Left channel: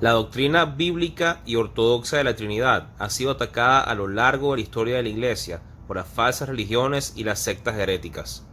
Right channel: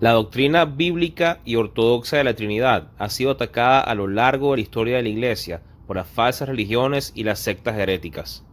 La doctrina bíblica y ortodoxa de la Trinidad ha sido atacada a lo largo de la historia de la Iglesia por las falsas religiones y las sectas heréticas.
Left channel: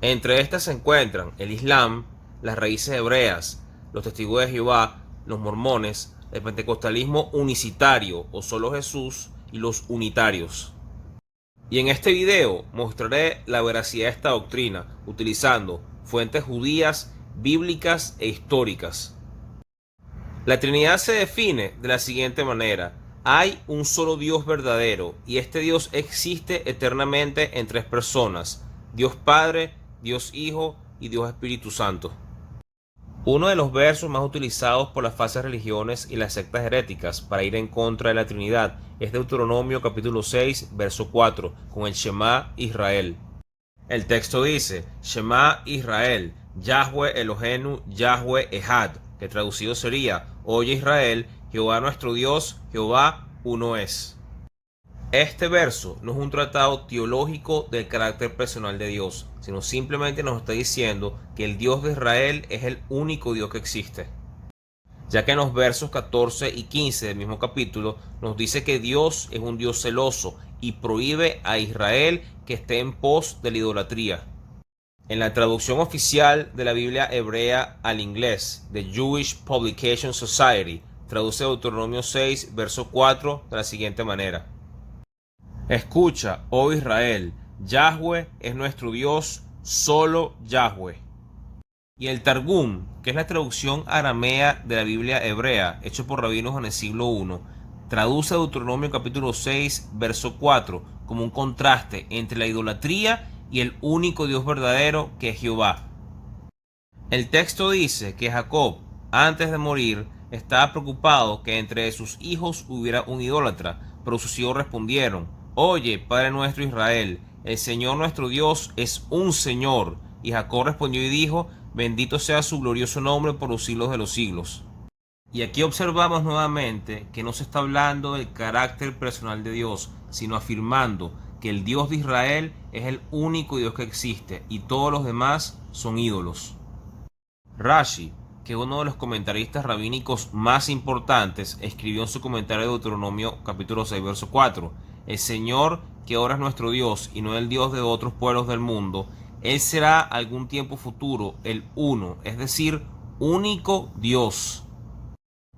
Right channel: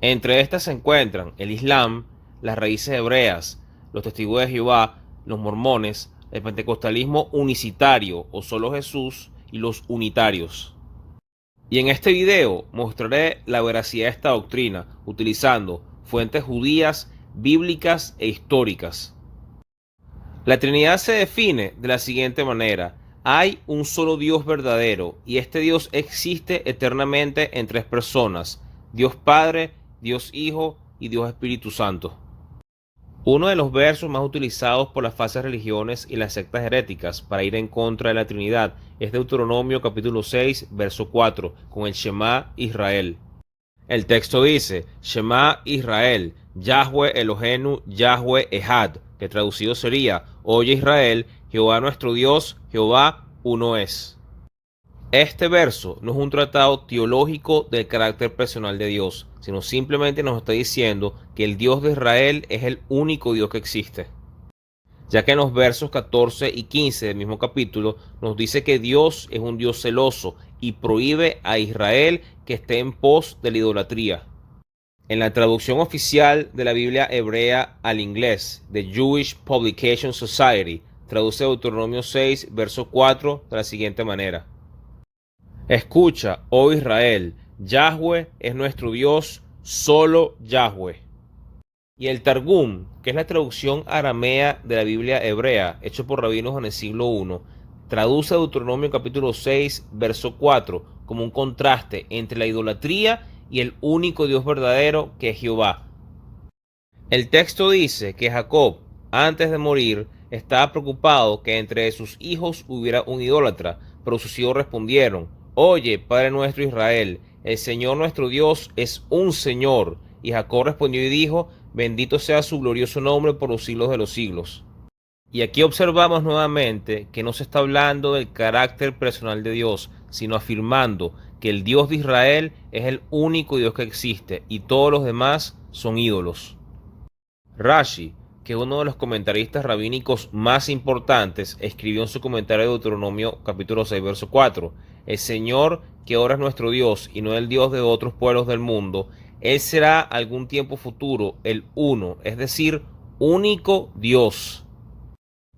Entre estas se encuentran el Islam, las raíces hebreas, los testigos de Jehová, los mormones, el pentecostalismo unicitario o solo Jesús y los unitarios. Y en este video mostraré la veracidad de esta doctrina utilizando fuentes judías, bíblicas e históricas. La Trinidad se define de la siguiente manera: hay un solo Dios verdadero y este Dios existe eternamente en tres personas: Dios Padre, Dios Hijo y Dios Espíritu Santo. Uno de los versos más utilizados por las falsas religiones y las sectas heréticas para ir en contra de la Trinidad es Deuteronomio capítulo 6, verso 4, con el Shema Israel. El texto dice: Shema Israel, Yahweh Elohenu, Yahweh Ehad, que traducido sería: Oye Israel, Jehová nuestro Dios, Jehová uno es. Este verso no es un tratado teológico del carácter personal de Dios, sino simplemente nos está diciendo que el Dios de Israel es el único Dios que existe, ya que en los versos 14 y 15 del mismo capítulo nos dice que Dios es un Dios celoso y prohíbe a Israel que esté en pos de la idolatría. En la traducción oficial de la Biblia hebrea al inglés, The Jewish Publication Society traduce Deuteronomio 6, verso 4 de la siguiente manera: Escucha, oh Israel, Yahweh es nuestro Dios, solo Yahweh. Y el Targum, que es la traducción aramea de la Biblia hebrea, hecho por rabinos en el siglo I, traduce Deuteronomio capítulo 6, verso 4, como un contraste entre la idolatría y el único Dios verdadero, que es Jehová. El texto dice que Jacob, antes de morir, estaba preocupado que entre sus hijos hubiera un idólatra, pero sus hijos respondieron: Oye, Padre nuestro Israel, el Señor nuestro Dios es un Señor. Y Jacob respondió y dijo: Bendito sea su glorioso nombre por los siglos de los siglos. Y aquí observamos nuevamente que no se está hablando del carácter personal de Dios, sino afirmando que el Dios de Israel es el único Dios que existe y todos los demás son ídolos. Rashi, que es uno de los comentaristas rabínicos más importantes, escribió en su comentario de Deuteronomio capítulo 6, verso 4: El Señor, que ahora es nuestro Dios y no el Dios de otros pueblos del mundo, Él será algún tiempo futuro el uno, es decir, único Dios.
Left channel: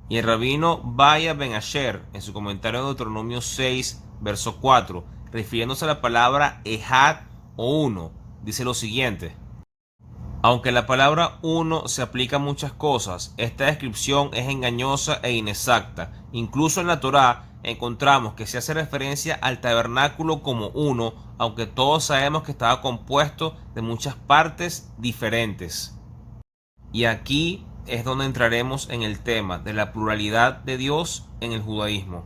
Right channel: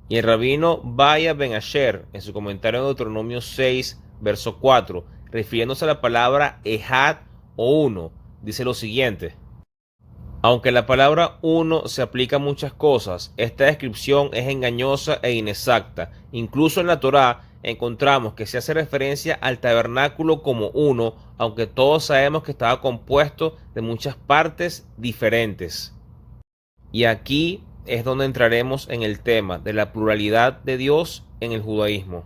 Y el rabino Baya Ben Asher, en su comentario de Deuteronomio 6, verso 4, refiriéndose a la palabra Ehad o uno, dice lo siguiente: Aunque la palabra uno se aplica a muchas cosas, esta descripción es engañosa e inexacta. Incluso en la Torá encontramos que se hace referencia al tabernáculo como uno, aunque todos sabemos que estaba compuesto de muchas partes diferentes. Y aquí es donde entraremos en el tema de la pluralidad de Dios en el judaísmo.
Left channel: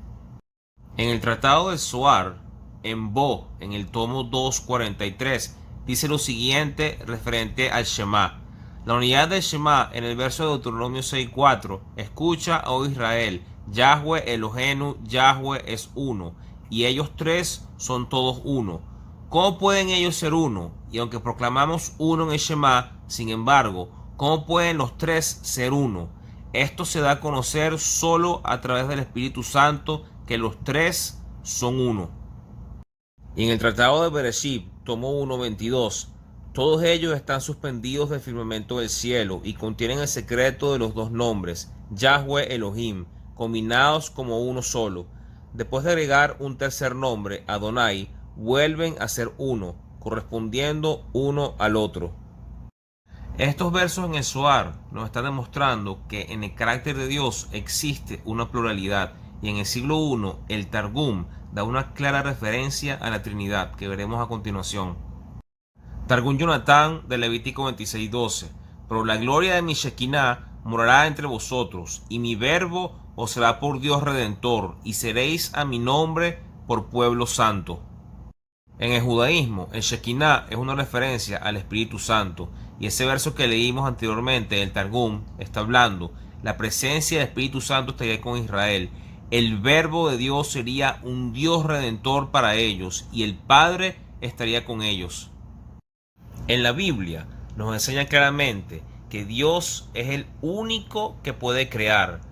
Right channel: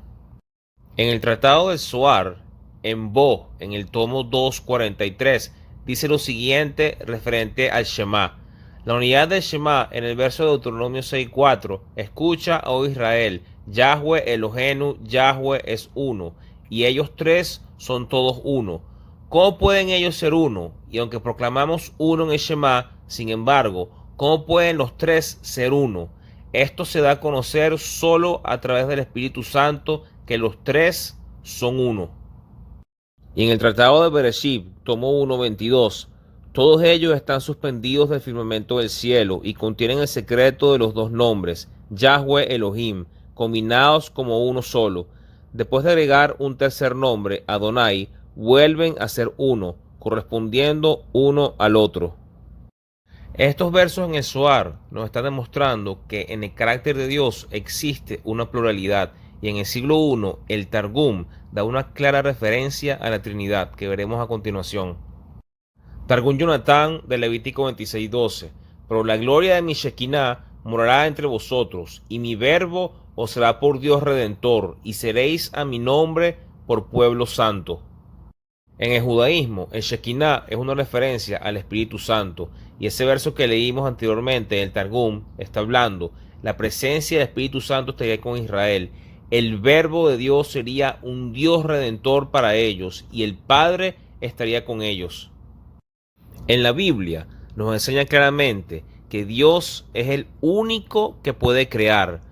En el Tratado del Zohar, en Bo, en el tomo 243, dice lo siguiente referente al Shema. La unidad del Shema en el verso de Deuteronomio 6:4: Escucha, oh Israel, Yahweh Elohenu, Yahweh es uno, y ellos tres son todos uno. ¿Cómo pueden ellos ser uno? Y aunque proclamamos uno en el Shema, sin embargo, ¿cómo pueden los tres ser uno? Esto se da a conocer solo a través del Espíritu Santo, que los tres son uno. Y en el Tratado de Bereshit, tomo 1:22, todos ellos están suspendidos del firmamento del cielo y contienen el secreto de los dos nombres, Yahweh Elohim, combinados como uno solo. Después de agregar un tercer nombre, Adonai, vuelven a ser uno, correspondiendo uno al otro. Estos versos en el Zohar nos están demostrando que en el carácter de Dios existe una pluralidad, y en el siglo I el Targum da una clara referencia a la Trinidad, que veremos a continuación. Targum Yonatán de Levítico 26:12: Pero la gloria de mi Shekinah morará entre vosotros, y mi verbo os será por Dios redentor, y seréis a mi nombre por pueblo santo. En el judaísmo, el Shekinah es una referencia al Espíritu Santo, y ese verso que leímos anteriormente en el Targum está hablando: la presencia del Espíritu Santo estaría con Israel, el verbo de Dios sería un Dios redentor para ellos, y el Padre estaría con ellos. En la Biblia nos enseña claramente que Dios es el único que puede crear.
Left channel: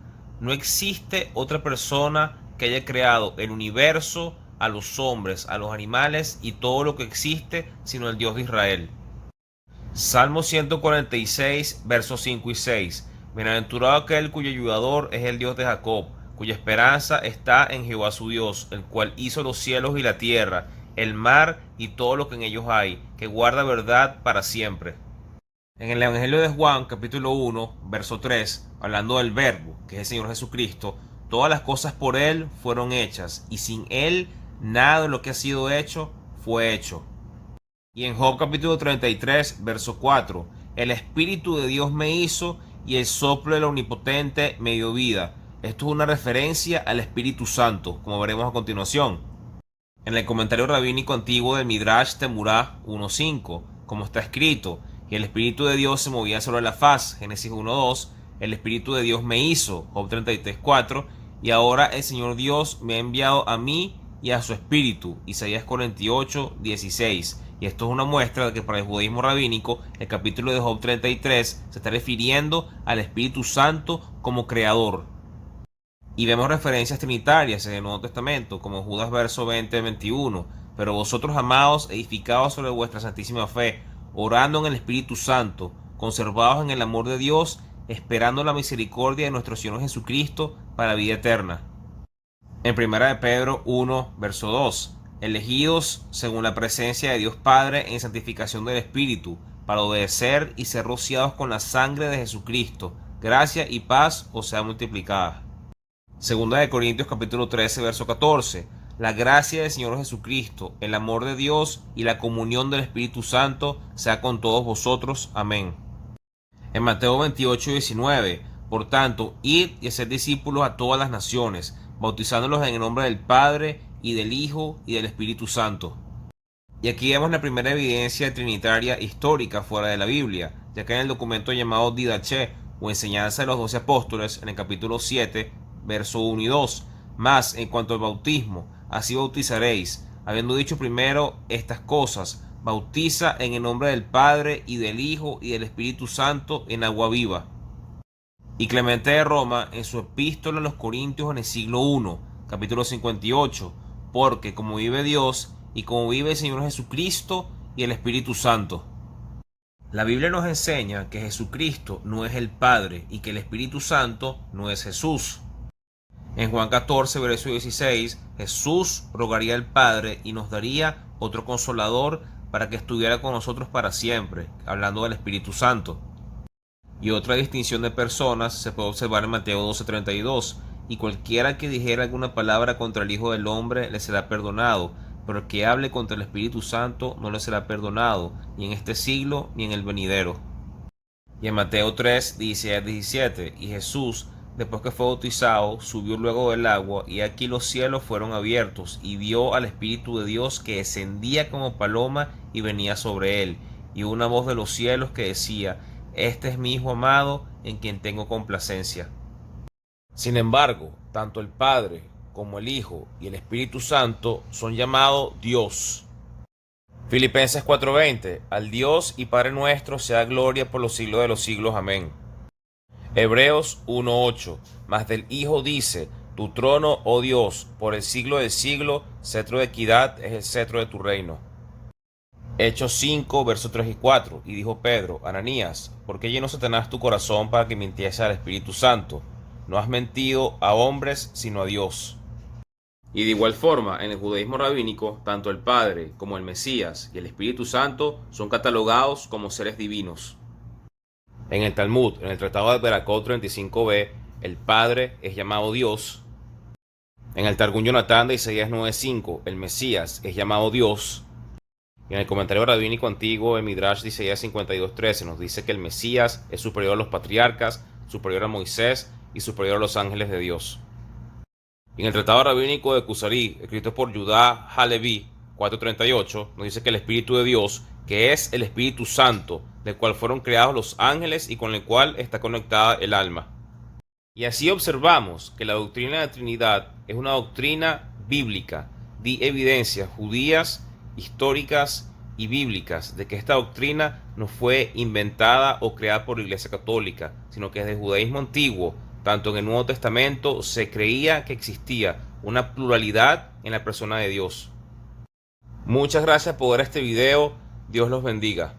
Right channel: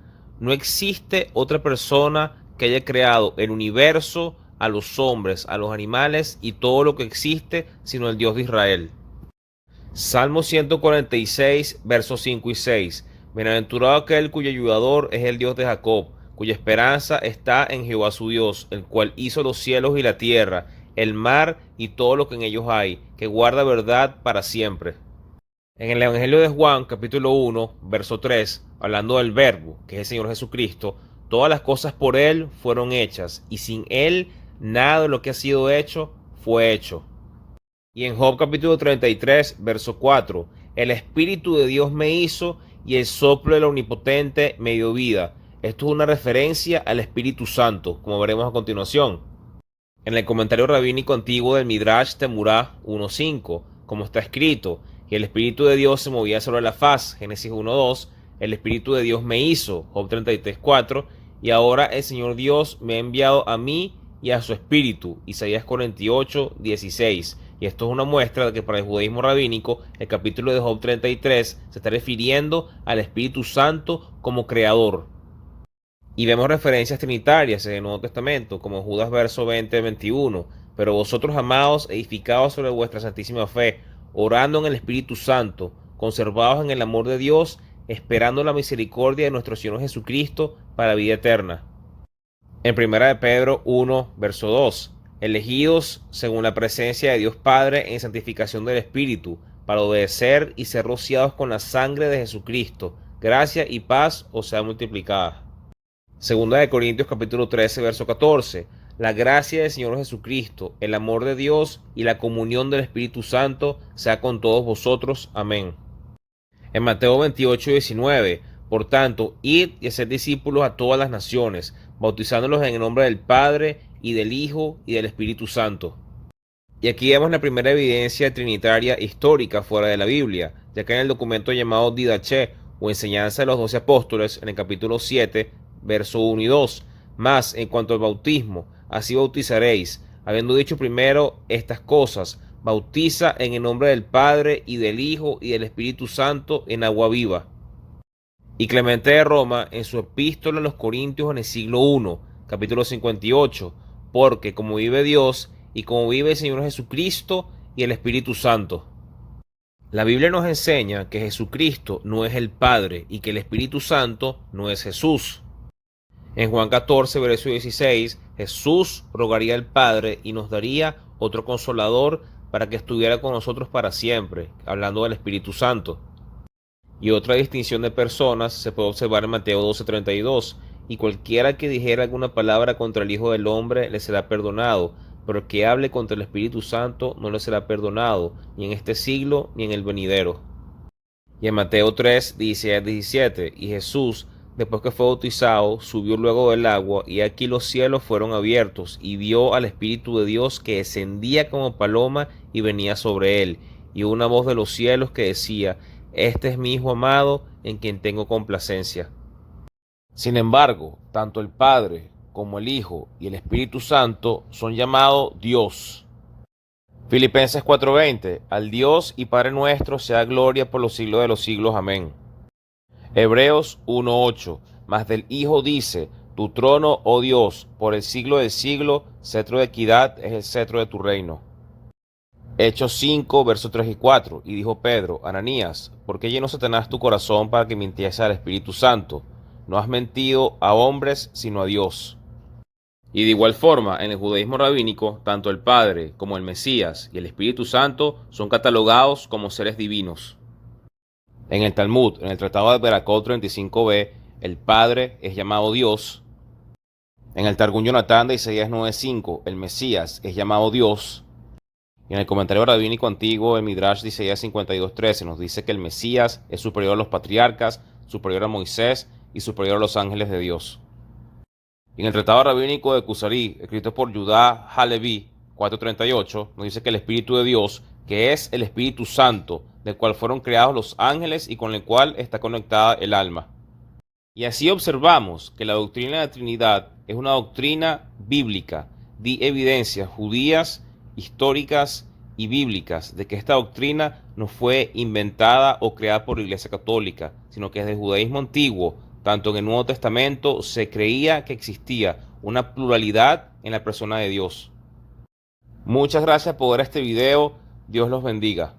No existe otra persona que haya creado el universo, a los hombres, a los animales y todo lo que existe, sino el Dios de Israel. Salmo 146, versos 5 y 6. Bienaventurado aquel cuyo ayudador es el Dios de Jacob, cuya esperanza está en Jehová su Dios, el cual hizo los cielos y la tierra, el mar y todo lo que en ellos hay, que guarda verdad para siempre. En el Evangelio de Juan, capítulo 1, verso 3, hablando del Verbo, que es el Señor Jesucristo, todas las cosas por Él fueron hechas, y sin Él nada de lo que ha sido hecho fue hecho. Y en Job capítulo 33, verso 4, el Espíritu de Dios me hizo, y el soplo del Omnipotente me dio vida. Esto es una referencia al Espíritu Santo, como veremos a continuación. En el comentario rabínico antiguo del Midrash Temurah 1.5, como está escrito, y el Espíritu de Dios se movía sobre la faz, Génesis 1.2, el Espíritu de Dios me hizo, Job 33.4, y ahora el Señor Dios me ha enviado a mí y a su Espíritu, Isaías 48.16. Y esto es una muestra de que para el judaísmo rabínico, el capítulo de Job 33 se está refiriendo al Espíritu Santo como creador. Y vemos referencias trinitarias en el Nuevo Testamento, como Judas verso 20-21. Pero vosotros, amados, edificados sobre vuestra santísima fe, orando en el Espíritu Santo, conservados en el amor de Dios, esperando la misericordia de nuestro Señor Jesucristo para vida eterna. En 1 de Pedro 1, verso 2, elegidos según la presencia de Dios Padre en santificación del Espíritu, para obedecer y ser rociados con la sangre de Jesucristo, gracia y paz os sea multiplicada. Segunda de Corintios capítulo 13, verso 14. La gracia del Señor Jesucristo, el amor de Dios y la comunión del Espíritu Santo sea con todos vosotros. Amén. En Mateo 28, 19. Por tanto, id y haced discípulos a todas las naciones, bautizándolos en el nombre del Padre, y del Hijo, y del Espíritu Santo. Y aquí vemos la primera evidencia trinitaria histórica fuera de la Biblia, ya que en el documento llamado Didache, o Enseñanza de los 12 Apóstoles, en el capítulo 7, verso 1 y 2. Mas, en cuanto al bautismo, así bautizaréis, habiendo dicho primero estas cosas, bautiza en el nombre del Padre, y del Hijo, y del Espíritu Santo, en agua viva. Y Clemente de Roma, en su epístola a los Corintios en el siglo I, capítulo 58, porque como vive Dios, y como vive el Señor Jesucristo, y el Espíritu Santo. La Biblia nos enseña que Jesucristo no es el Padre, y que el Espíritu Santo no es Jesús. En Juan 14, verso 16, Jesús rogaría al Padre y nos daría otro consolador para que estuviera con nosotros para siempre, hablando del Espíritu Santo. Y otra distinción de personas se puede observar en Mateo 12:32, y cualquiera que dijera alguna palabra contra el Hijo del Hombre le será perdonado, pero el que hable contra el Espíritu Santo no le será perdonado, ni en este siglo ni en el venidero. Y en Mateo 3:16-17, y Jesús, después que fue bautizado, subió luego del agua, y aquí los cielos fueron abiertos, y vio al Espíritu de Dios que descendía como paloma y venía sobre él, y una voz de los cielos que decía: Este es mi Hijo amado, en quien tengo complacencia. Sin embargo, tanto el Padre como el Hijo y el Espíritu Santo son llamados Dios. Filipenses 4:20, al Dios y Padre nuestro sea gloria por los siglos de los siglos. Amén. Hebreos 1:8, mas del Hijo dice: tu trono, oh Dios, por el siglo del siglo, cetro de equidad es el cetro de tu reino. Hechos 5, versos 3 y 4, y dijo Pedro: Ananías, ¿por qué llenó Satanás tu corazón para que mintiese al Espíritu Santo? No has mentido a hombres, sino a Dios. Y de igual forma, en el judaísmo rabínico, tanto el Padre como el Mesías y el Espíritu Santo son catalogados como seres divinos. En el Talmud, en el Tratado de Beracot 35b, el Padre es llamado Dios. En el Targum Yonatán de Isaías 9:5, el Mesías es llamado Dios. Y en el comentario rabínico antiguo, el Midrash de Isaías 52:13, nos dice que el Mesías es superior a los patriarcas, superior a Moisés y superior a los ángeles de Dios. En el Tratado Rabínico de Kusari, escrito por Judá Halevi 4:38, nos dice que el Espíritu de Dios, que es el Espíritu Santo, del cual fueron creados los ángeles y con el cual está conectada el alma. Y así observamos que la doctrina de la Trinidad es una doctrina bíblica, de evidencias judías, históricas y bíblicas de que esta doctrina no fue inventada o creada por la Iglesia Católica, sino que desde el judaísmo antiguo, Tanto en el Nuevo Testamento se creía que existía una pluralidad en la persona de Dios. Muchas gracias por ver este video. Dios los bendiga.